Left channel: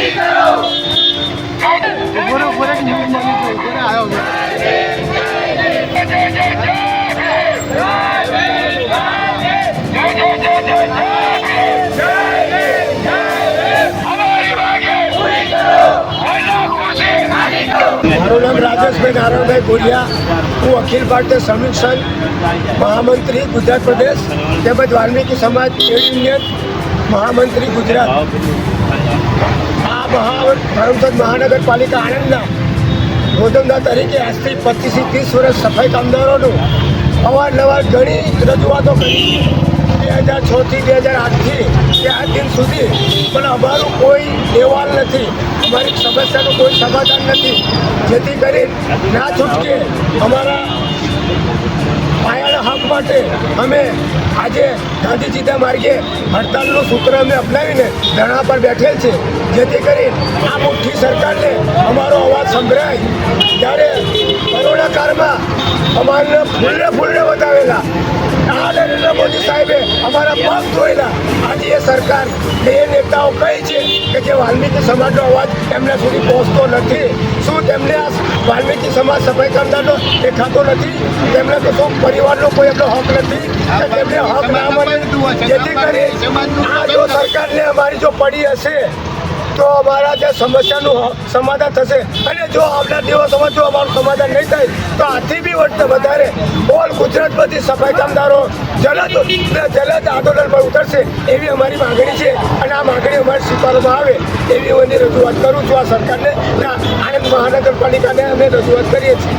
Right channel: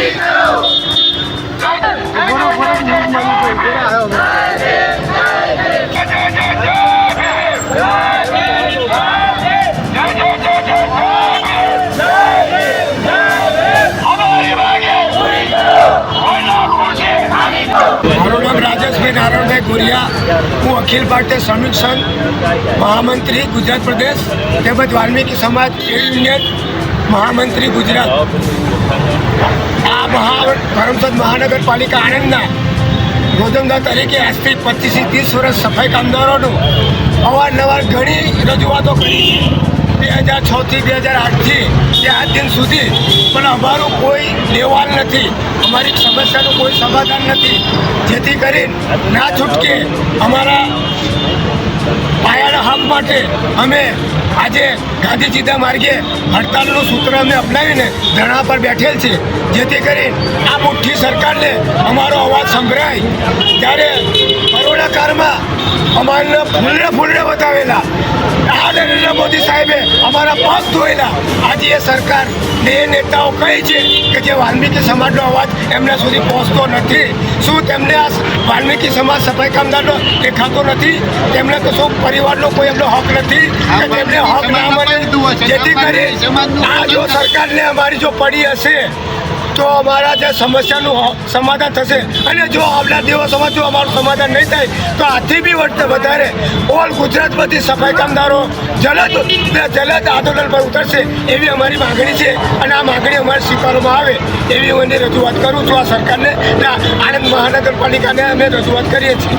મારું નામ રાજેશભાઈ નારાયણભાઈ ગોરિયા, હું અખિલ ભારતીય શ્રમિક સંઘ મહામંત્રી ગુજરાત પ્રદેશ તેમજ વાલ્મીકી સમાજ ટ્રેડ યુનિયન મહામંત્રી ગુજરાત. આ કરમસદ મહાનગરપાલિકા આણંદના રોજમદાર તરીકે આજથી 25 થી 30 વર્ષ સફાઈ કામદારોનું અવારનવાર ઘણી રજૂઆતો કરી 2006 થી 2008થી તે આજ દિન સુધી, પણ અમારું કોઈ દેવાલ નથી, અમારી સમસ્યાનું કોઈ સમાધાન નથી. જેથી કરીને ના છૂટકે અમારા પાયાના હક માટે અમે આજે ગાંધીજીના માર્ગે હડતાલનું સૂત્ર અમે અપનાવીને ધરણા પર બેઠેલ છે. જેથી કરીને આ મુઠ્ઠી સરકારને અમારો અવાજ સંભળાય. ત્યારે કોરોના કાળમાં અમારને ફૂલને બતાવેલા નરેન્દ્ર મોદી સાહેબે અમારા પગ ધોયેલા. આજે એ સરકાર એ નેતાઓ કહે છે કે જે વાલ્મીકી સમાજનો અવાજ એમને સુધી પહોંચતો નથી. શું તેમને આ વાલ્મીકી સમાજ સફાઈ કામદારનો દેખાતો નથી? તેમને કશો પરિવારનો કોઈ એમનો હક નથી કે તેમને હક ના મળે? જેથી કરી આ જો સરકારને અમારી જો પડી હશે તો અમારા જે સમસ્યાનું સમાધાન થશે. અને જો આવનાર દિવસોમાં જો અમારું સમાધાન નહીં થાય તો આથી બી વધારે ઓલ ગુજરાતમાંથી સફાઈ કામદારો જલદ આંદોલન પર ઉતરશે એવી અમારી માગણી છે. અને આ માગણી અમારે સ્વીકારવામાં આવે એવી હું એની રજૂઆત કરું છું. આ સરકારને આણંદ મહાનગરપાલિકાને અમે રજૂઆત કરીએ છીએ.